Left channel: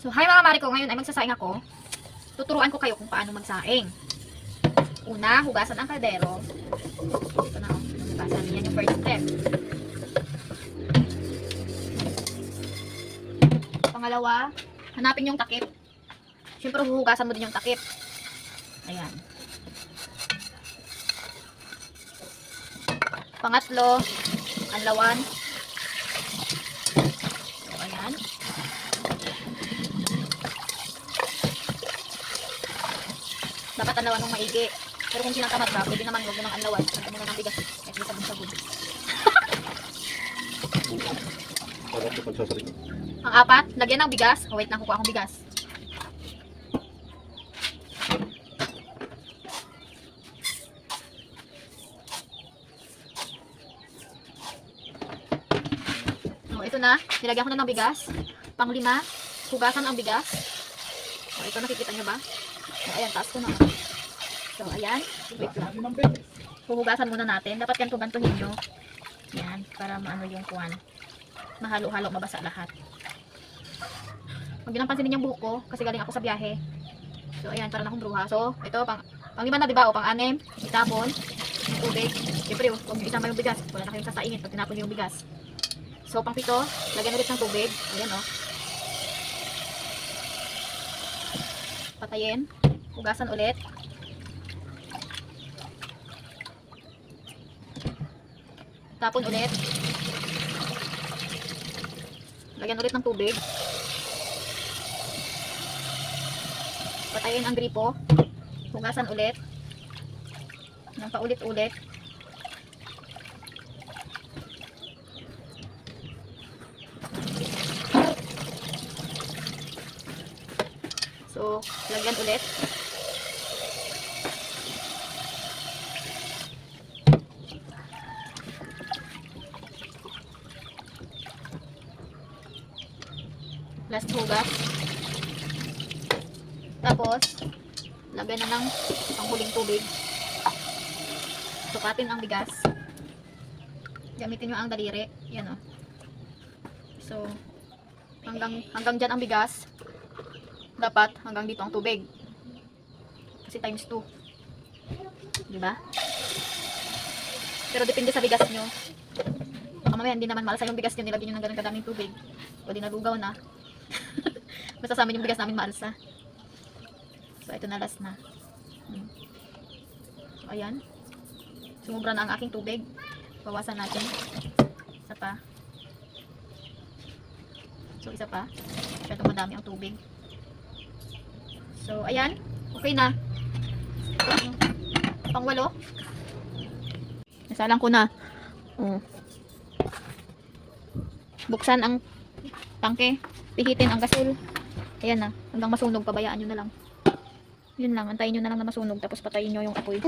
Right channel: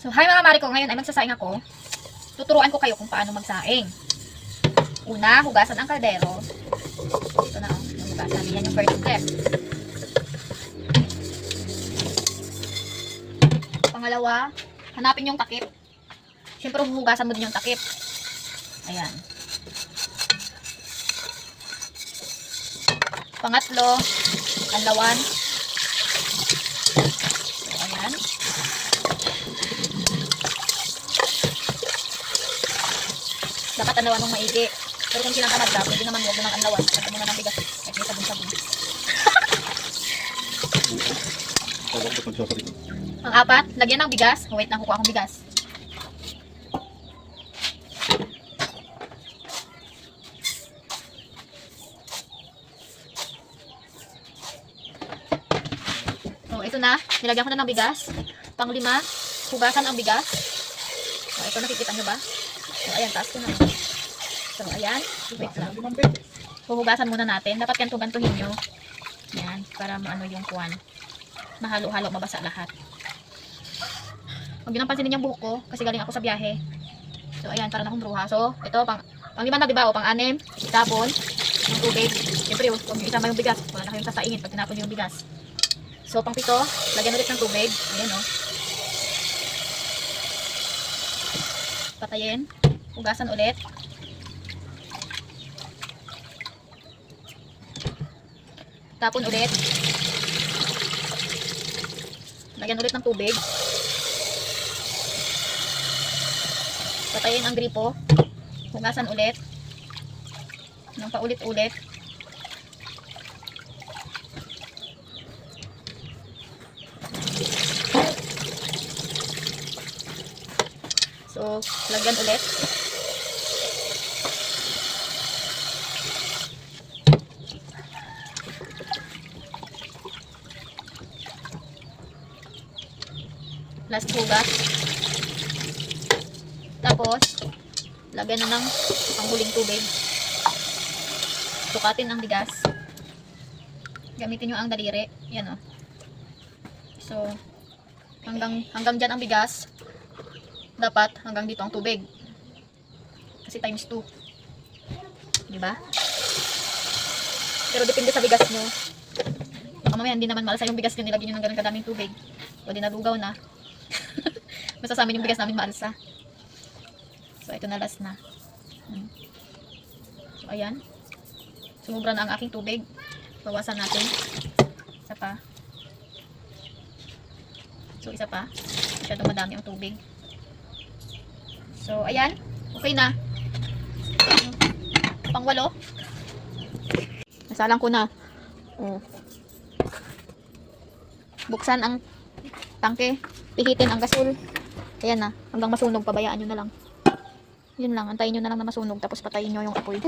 So, hi mga mari ko, ngayon ay magsasaing ako. Tuturuan ko kayo kung paano magsaing. Una, hugasan ang kaldero. Ito na, hugasan. Yan yung first step. Pangalawa, hanapin yung takip. Siyempre, huhugasan mo din yung takip. Ayan. Pangatlo, anlawan. So, ayan. Dapat anlawan ng maigi. Pero kung sinatamad ka, pwede naman huwag mo ng anlawan. Pagka mo na ng bigas. Kahit may sabon-sabon. Pang-apat, lagyan ng bigas. Oh, wait lang, kukuha akong bigas. So, ito na. Nilagyan ko na ng bigas. Pang-lima, hugasan ang bigas. So, ito nakikita nyo ba? So, ayan, taas ko na. So, ayan. Wait lang. Huhugasan muna natin. Dapat ganto-gantuhin nyo. Yan, para maano yung kuwan. Mahalo-halo, mabasa lahat. Huwag nyo nang pansinin yung buhok ko kasi galing ako sa biyahe. So, ayan, para na akong bruha. So, ito, pang-lima na, diba? O, pang-anim, itapon, yung tubig. Siyempre, huwag nyo isama yung bigas. Wala na kayong sasaingin pag tinapon nyo yung bigas. So, pang-pito, lagyan ulit ng tubig. Ayan, o. Patayin. Hugasan ulit. Tapon ulit. Lagyan ulit ng tubig. Patayin ang gripo. Hugasan ulit. Nang paulit-ulit. So, lagyan ulit. Last hugas. Tapos, lagyan na ng panghuling tubig. Sukatin ang bigas. Gamitin nyo ang daliri. Yan o. So, hanggang dyan ang bigas. Dapat hanggang dito ang tubig. Kasi times 2. Diba? Pero depende sa bigas nyo. Baka mamaya hindi naman malasa yung bigas nyo. Nilagyan nyo ng ganun kadaming tubig. O di nalugaw na. Basta sa amin yung bigas namin maalsa. So, ito na last na. So, ayan. Sumubra na ang aking tubig. Bawasan natin. Isa pa. So, isa pa. Masyadong madami ang tubig. So, ayan. Okay na. Pang-walo. Nasalang ko na. Buksan ang tangke. Pihitin ang gasol. Ayan na. Hanggang masunog. Pabayaan nyo na lang. Yun lang. Antayin nyo na lang na masunog. Tapos patayin nyo yung apoy.